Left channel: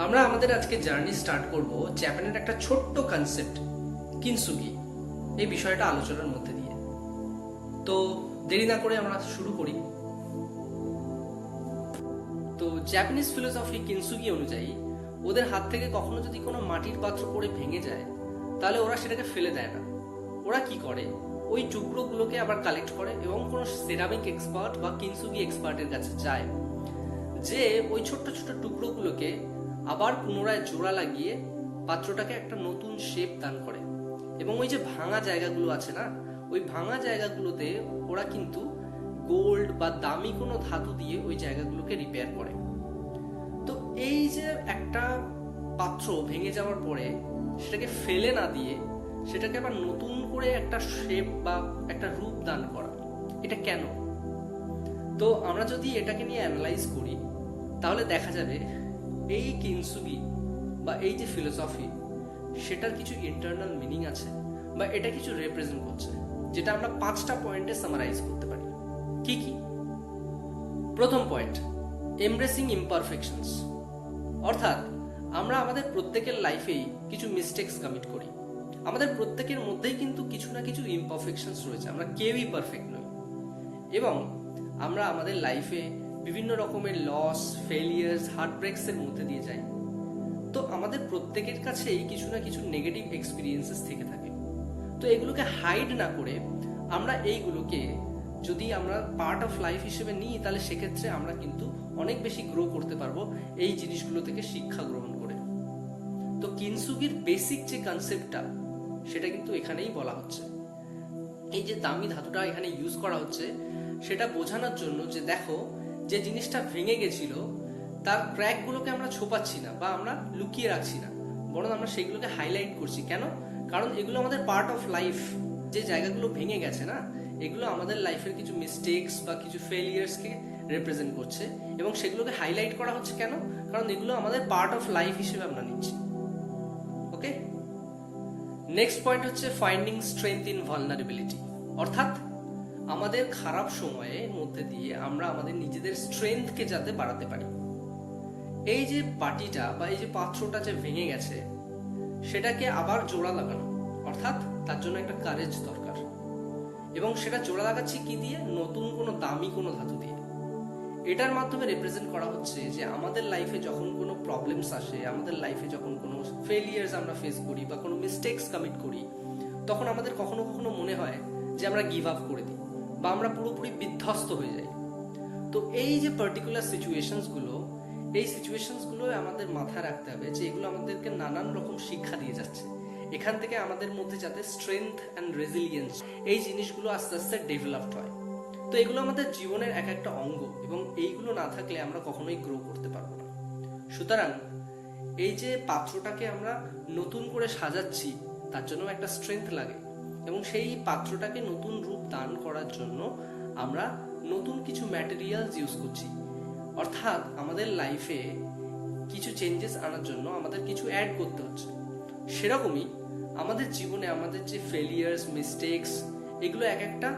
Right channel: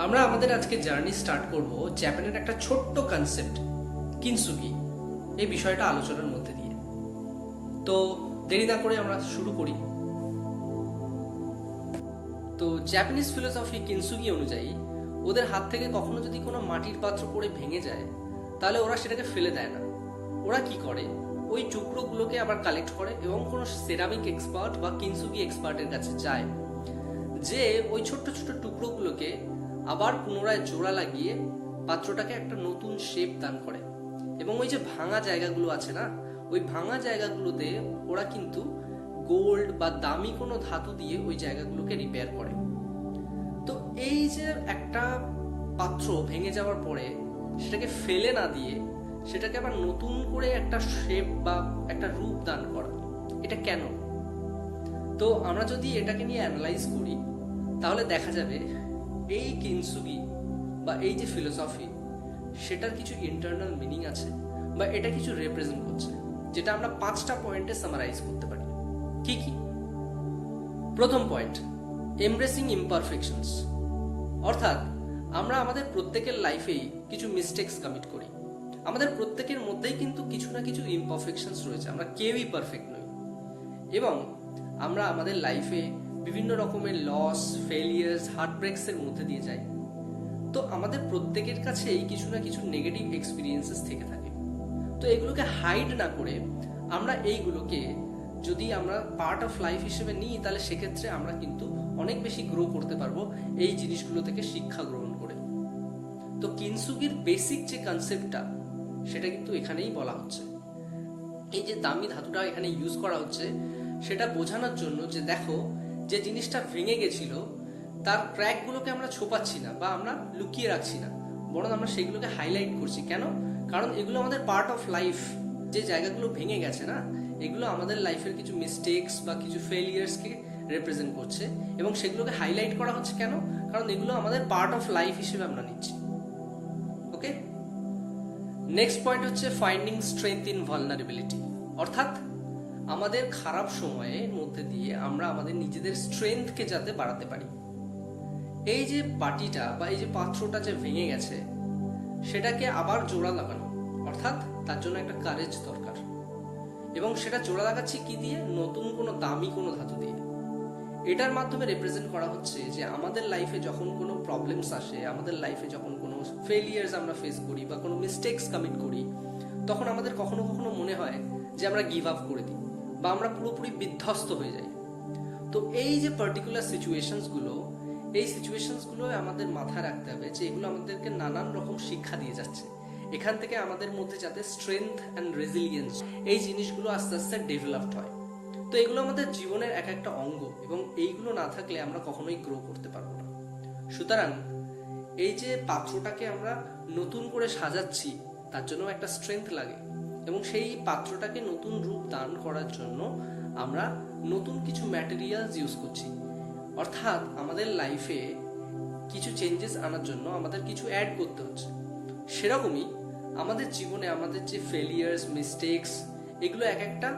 আমরা আমাদের আজকে জার্নি স্টার্ট করব জাপানের একটা ছোট্ট কনসেপ্ট কিনসুগি এই বিষয়টা আলোচনার মধ্যে দিয়ে। তো দেরি না করে আমরা শুরু করি। তো জাপানিজ ফিলোসফি কিনসুগি অনুযায়ী ওদের হাত থেকে কখনো যদি কোনো মাটির পাত্র পড়ে ভেঙে যায় তাহলে ওরা সেটাকে ফেলে দেয় না। ওরা কি করে, ওই টুকরোগুলোকে আবার কালেক্ট করে এবং কোনো সেরামিক এক্সপার্ট বা কিনসুগি এক্সপার্টের কাছে যায়, যে ওই ছোট্ট ছোট্ট টুকরোগুলোকে আবার পুনরায় জোড়া লাগিয়ে পাত্রটাকে একটা নতুন শেপ দান করে। এবং ওই যে ভাঙা জায়গাগুলো আছে না, ওই ভাঙা জায়গাগুলোতে ওরা কিন্তু গোল্ড বা দামি কোনো ধাতু দিয়ে ওই জায়গাগুলোকে রিপেয়ার করে। তো এই যে একটা পাত্র ভেঙে যাওয়ার পরে সেটাকে ফেলে না দিয়ে সেটাকে আবার নতুন করে একটা শেপ বা একটা রূপ দান করা, এটা কেন? তো আমরা যদি এটাকে নিয়ে অ্যানালাইজ করি তাহলে দেখা যাবে এই কিনসুগি বা এই যে ফিলোসফি সেটার কিছু ইন্টারনাল মিনিং আছে বা এটা কিছু রিপ্রেজেন্ট করছে, যেটা আমরা 5টা পয়েন্টে সামারাইজ করতে পারি। কি কি? প্রথম পয়েন্ট, এমব্রেসিং ইমপারফেকশনস। অর্থাৎ আমরা আমাদের প্রত্যেকের লাইফেই কিছু মিস্টেকস কমিট করি। আমাদের প্রত্যেকের মধ্যেই কিন্তু কিছু না কিছু ইমপারফেকশনস রয়েছে, আমরা কেউই পারফেক্ট নই। এবং আমরা আমাদের লাইফে বিভিন্ন রকমের লস, ফেলিয়ার্স, হার্টব্রেকস এর মধ্যে দিয়ে যাই। তো আমাদের প্রত্যেকের কাছেই কিছু না কিছু নেগেটিভ এক্সপিরিয়েন্সেস থেকে থাকে। তো এগুলোকে হাইড না করে আমরা এইগুলোকে যদি আমরা পার্ট অফ লাইফ হিসেবে নিই তাহলে সেক্ষেত্রে আমরা কিন্তু অনেক বেশি গ্রো করতে পারবো এই জিনিসগুলো থেকে শিক্ষা গ্রহণ করে। তো কিনসুগির বেসিক যে কনসেপ্টটা সেটা কিন্তু এখানেই বলা হচ্ছে। এই যে দামি ধাতুটা এখানে ইউজ করা হচ্ছে সেটা বোঝানোর জন্য যে দেখো, যে জিনিসটা ভেঙে গেছিল তার ক্র্যাকগুলোকে আমরা ছোপাচ্ছি না বা আমরা লুকিয়ে রাখছি না, বরং আমরা সেগুলোকে হাইলাইট করছি। কেন? কারণ এগুলো আমাদের পার্ট অফ লাইফ। যে জায়গাগুলো ভেঙে গেছে না, এগুলো আমাদের লাইফের কিছু মিস্টেকস বা কিছু ফেলিয়ার্সকে রিপ্রেজেন্ট করছে এবং সেগুলোকে হাইলাইট করা হচ্ছে। কেন? কারণ এগুলো আমাদের পার্ট অফ লাইফ হিসেবে আমরা নিচ্ছি। ওকে, নেক্সট পয়েন্ট হচ্ছে ফাইন্ডিং স্ট্রেংথ ইন ভালনারেবিলিটি। অর্থাৎ আমাদের খারাপ সময়ের মধ্যে দিয়ে আমরা আমাদের নিজেদের স্ট্রেংথকে যাতে বাড়াতে পারি। এই যে বাটিটা বা এই যে পাত্রটা যে ভেঙে গেছে সেটাকে আবার জোড়া লাগানো, অর্থাৎ তার জন্য একটা কারেজ দরকার। এবং সেটা জোড়া লাগাচ্ছি কি দিয়ে? নতুন কোনো দামি কোনো ধাতু দিয়ে। এটার মাধ্যমে রিপ্রেজেন্ট করা হচ্ছে যে আমাদের লাইফে যখন কোনো প্রবলেমস আসে, আমাদের লাইফে যখন কোনো ফেলিয়ার্স আমরা ফেস করি বা কোনো মিস্টেকস কমিট করি, তখন আমাদের কখনো কখনো মনে হয় যে আমরা গিভ আপ করে দিই বা আমরা পুরোপুরি বিধ্বস্ত হয়ে যাই। তো এই যে পার্টিকুলার সিচুয়েশনসগুলো, এই সিচুয়েশনসগুলো আমাদের মাথায় রাখতে হবে যে এগুলো আমাদেরকে নানান রকম শিক্ষা দিয়ে যাচ্ছে। এখান থেকে আমাদের মধ্যে যাতে স্ট্রেংথ অ্যান্ড রেজিলিয়েন্স এই জিনিসগুলো আস্তে আস্তে ডেভেলপড হয়। তো এগুলো আমাদের জীবনের এক একটা অঙ্গ এবং এইগুলো না থাকলে আমরা কখনোই গ্রো করতে পারবো না। সুতরাং এই যে পাত্রটাকে আমরা নতুন করে সাজাচ্ছি তার জন্য একটা স্ট্রেংথ লাগে এবং সেই পাত্রটাকে নতুন রূপ দান করার জন্য আমরা নতুন কিছু ম্যাটেরিয়ালস ইউজ করছি। অর্থাৎ আমাদের লাইফে কিছু চেঞ্জেস আনার জন্য আমাদের কিছু অ্যাড করতে হচ্ছে। সেরকমই আমাদের জীবনে আমাদের যে ফেলিয়ার্স, মিস্টেকস, এগুলো এক একটা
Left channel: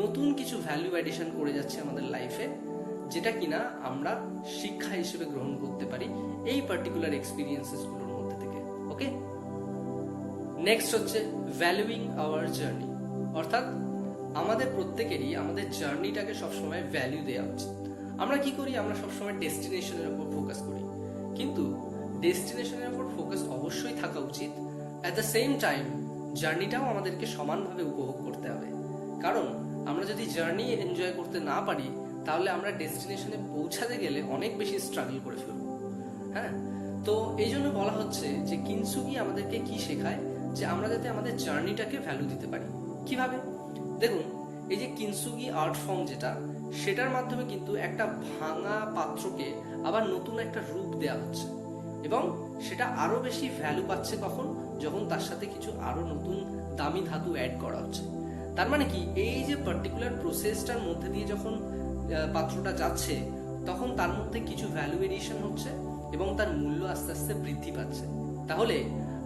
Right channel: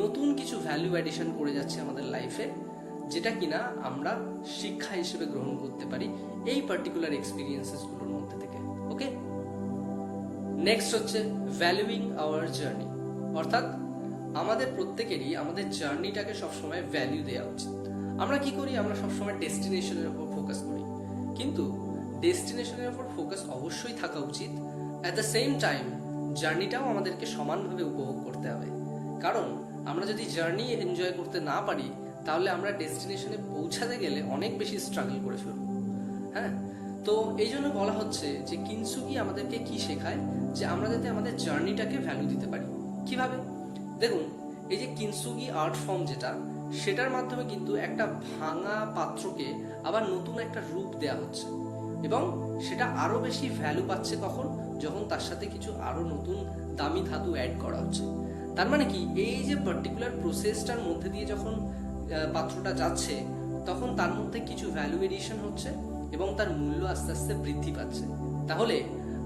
নতুন কিছু ভ্যালু অ্যাডিশন করে যাচ্ছে আমাদের লাইফে, যেটা কিনা আমরা শিক্ষা হিসেবে গ্রহণ করতে পারি এই পার্টিকুলার এক্সপিরিয়েন্সেসগুলোর মধ্যে থেকে। ওকে, নেক্সট হচ্ছে ভ্যালুইং আওয়ার জার্নি। অর্থাৎ আমাদের প্রত্যেকেরই আমাদের জার্নিটাকে সবসময় ভ্যালু দেওয়া উচিত। আমরা কি করি? আমরা সবসময় ডেস্টিনেশনের উপর ফোকাস করি, কিন্তু ডেস্টিনেশনের উপর ফোকাস অবশ্যই থাকা উচিত। অ্যাট দ্য সেম টাইম জার্নিটাও আমাদেরকে সমানভাবে উপভোগ করতে হবে। কারণ আমরা যদি জার্নি এনজয় করতে না পারি তাহলে আমরা ডেস্টিনেশনে পৌঁছাতে গেলে অনেক বেশি স্ট্রাগল করে ফেলবো। হ্যাঁ, তো এই জন্য বলা হচ্ছে যে কিনসুগি আমাদেরকে কি শেখায়, যে আমরা যাতে আমাদের জার্নিটাকে ভ্যালু দিতে পারি। কিভাবে? দেখুন, এই যে কিনসুগি আর্ট ফর্ম যেটা, সেটার মাধ্যমে কিন্তু একটা ভাঙা পাত্রকে আবার নতুন একটা রূপ দেয়া হচ্ছে এবং সেটা আরো বেশি ভ্যালু পাচ্ছে। কখন? যখন তার সাথে কিছু আরো নতুন দামি ধাতু অ্যাড করা হচ্ছে। তার মানে কি, এই যে পার্টিকুলার প্রসেসটার মধ্যে দিয়ে যখন পাত্রটা যাচ্ছে তখন তার মধ্যে কিছু ভ্যালু এডিশন হচ্ছে এবং তার মূল্য আস্তে আস্তে বৃদ্ধি পাচ্ছে। তাহলে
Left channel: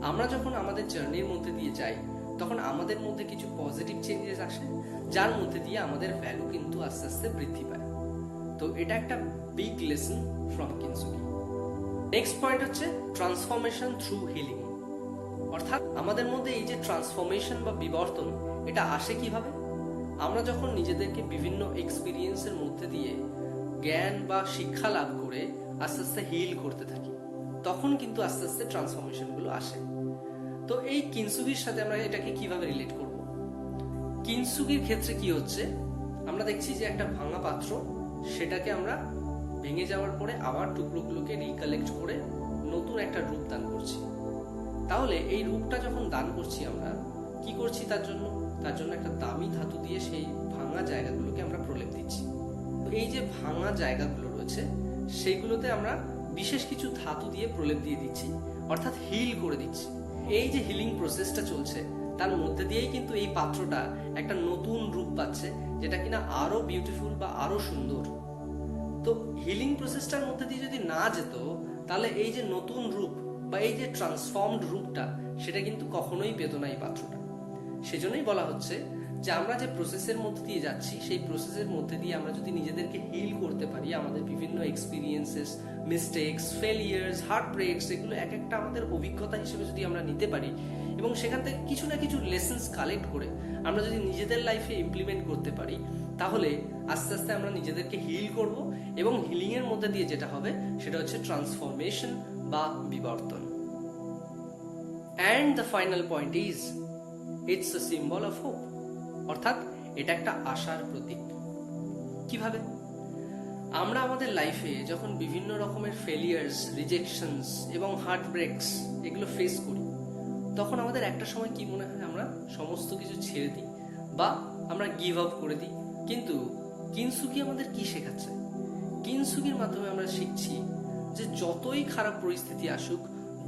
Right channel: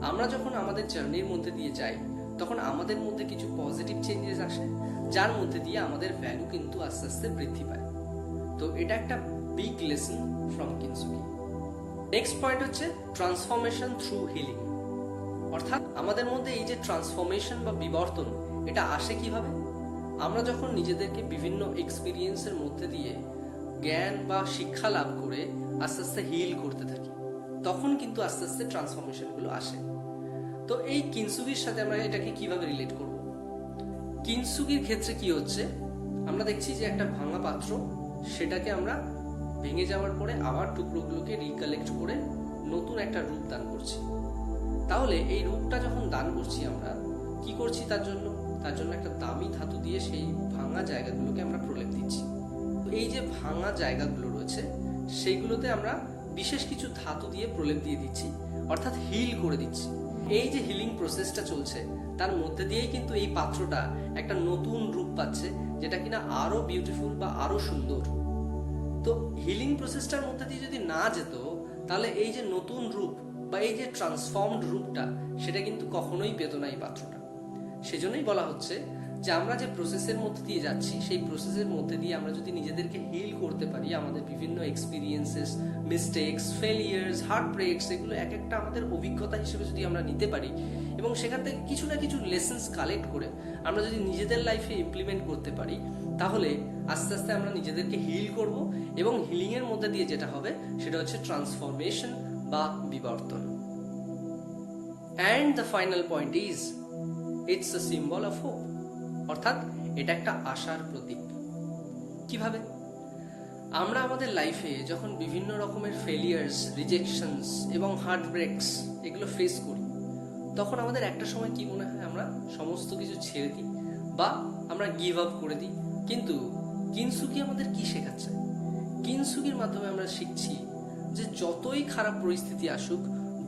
আমরা যখন আমাদের জার্নির মধ্যে দিয়ে যাই তখন আমাদের মধ্যে কিছু পজিটিভ চেঞ্জেস আসে, যার মধ্যে দিয়ে আমাদের ভ্যালু কিন্তু আস্তে আস্তে বৃদ্ধি পায়। তো এটা একটা big lesson from কিনসুগি। Next point হচ্ছে ট্রান্সফরমেশন থ্রু হিলিং। অর্থাৎ আমাদের মধ্যে এই যে ট্রান্সফরমেশন বা বিবর্তন, এটা আসে কিভাবে? আমরা যখন নিজেদেরকে বিভিন্ন এক্সপিরিয়েন্সের মধ্যে দিয়ে জ্ঞান বা শিক্ষা লাভ করে আস্তে আস্তে হিল করতে থাকি, তখন কিন্তু আস্তে আস্তে ট্রান্সফরমেশনগুলো আসে। তো এই কিনসুগির সাথে আমরা এটাকে কিভাবে রিলেট করব? কিনসুগির ক্ষেত্রে কি হচ্ছে, আমরা দেখছি যে একটা ভাঙা পাত্র, সেটাকে আমরা ভেঙে যাওয়ার পরে আবার টুকরোগুলোকে রিকালেক্ট করে নতুন একটা রূপ দান করছি। তাহলে এই রূপটা যখন দান করছি, আমরা কি করছি? তার জন্য একটা দামি ধাতু দিয়ে সেই ভাঙা জায়গাগুলোকে আমরা প্রলেপ দিচ্ছি। এই যে ভাঙা জায়গাগুলো রয়েছে, সেইগুলোতে আমরা বিশেষ কিছু ধাতু দিয়ে প্রলেপ দিয়ে দিচ্ছি, অর্থাৎ হিল করে দিচ্ছি। এই যে হিলিং প্রসেসটা চলছে, তার মধ্যে দিয়েই কিন্তু এই পাত্রটা একটা নতুন রূপ পাচ্ছে, যেটা কিনা আরো বিউটিফুল বা আরো সুন্দর। তো হিলিং প্রসেসটার মধ্যে দিয়ে যদি না যেত, তাহলে এই যে নতুন রূপ বা এই যে ট্রান্সফর্মড রূপটা, সেটা কিন্তু কখনোই পেত না এই পাত্রটা। সেজন্যই বলা হচ্ছে যে আমরা যে প্রসেসের মধ্যে দিয়ে যাচ্ছি, সেই প্রসেসের মধ্যে দিয়ে আমরা যদি নিজেদেরকে হিল করতে পারি, আমাদের বিভিন্ন এক্সপিরিয়েন্সেস, মিস্টেকস, ফেলিয়ার্স, হার্ট ব্রেকস, এগুলো এক একটা আমাদের অভিজ্ঞতা হিসেবে যদি আমরা নিতে পারি এবং সেখান থেকে কিছু না কিছু লেসন্স কালেক্ট করে আমরা যদি নিজেদের লাইফে ইমপ্লিমেন্ট করতে পারি, তাহলে আস্তে আস্তে আমরা নিজেদেরকে হিল করব এবং হিলিং এর মধ্যে দিয়ে যেটা হবে সেটা হচ্ছে ট্রান্সফরমেশন বা বিবর্তন। And the final point is it's a symbol of hope. অর্থাৎ এটা একটা আশার প্রতীক। কিভাবে? আমরা আমাদের লাইফে যখন বিভিন্ন রকমের ফেলিয়ার্স, রিজেকশনস এবং হার্ট ব্রেকস এগুলো ফেস করি, তখন আমাদের একটা সময় কি মনে হয়, আমরা সমস্ত কিছু ছেড়ে দিই বা আমরা গিভ আপ করে দিই। কিন্তু কিনসুগি আমাদের কি শেখাচ্ছে? কিনসুগির মাধ্যমে আমরা শিখছি যে যতই খারাপ পরিস্থিতি আসুক,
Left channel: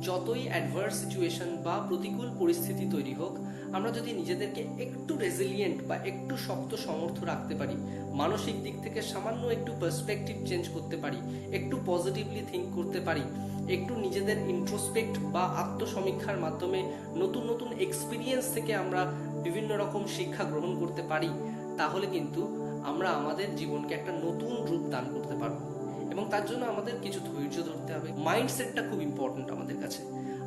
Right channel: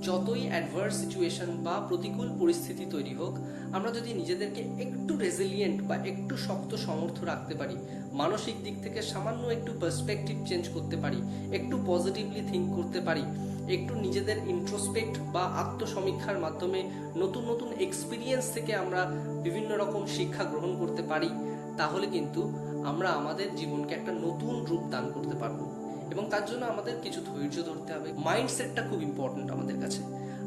যতই অ্যাডভার্স সিচুয়েশন বা প্রতিকূল পরিস্থিতি তৈরি হোক, আমরা যদি নিজেদেরকে একটু রেজিলিয়েন্ট বা একটু শক্ত সমর্থ রাখতে পারি, মানসিক দিক থেকে সামান্য একটু পার্সপেক্টিভ চেঞ্জ করতে পারি, একটু পজিটিভলি থিঙ্ক করতে পারি, একটু নিজেদের ইন্ট্রোস্পেক্ট বা আত্মসমীক্ষার মাধ্যমে নতুন নতুন এক্সপিরিয়েন্স থেকে আমরা বিভিন্ন রকম শিক্ষা গ্রহণ করতে পারি, তাহলে কিন্তু আমরা আমাদের জীবনকে একটা নতুন রূপ দান করতে পারবো। এবং তার জন্য আমাদের কিছু ধৈর্য ধরতে হবে। মাইন্ডসেটটা খুব ইম্পর্টেন্ট আমাদের কাছে।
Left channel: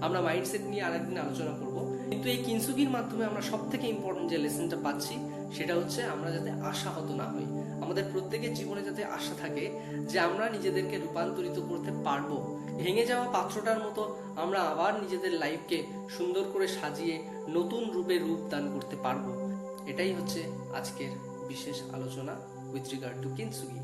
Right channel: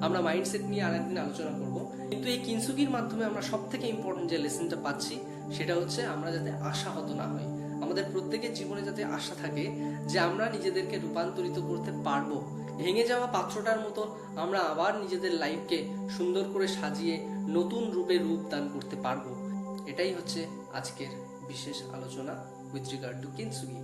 আমরা মাইন্ডসেট নিয়ে আরেকদিন আলোচনা করব। কিন্তু এই কিনসুগির মাধ্যমে আমরা সব থেকে ইম্পর্টেন্ট যে লেসনটা পাচ্ছি, সেটা হচ্ছে আমরা যাতে আশাহত না হই। আমাদের প্রত্যেকের জীবনে যাতে আশা থাকে যে আমরা নিজেদেরকে রূপান্তরিত করতে পারবো। ভেঙে যাওয়া পাত্রটার মতো আমরা আবার নিজেদের লাইফকে সুন্দর করে সাজিয়ে নতুন রূপে রূপ দান করতে পারবো। এটাই হচ্ছে আজকের বিশেষ আলোচনা উইথ রিগার্ড টু কিনসুগি।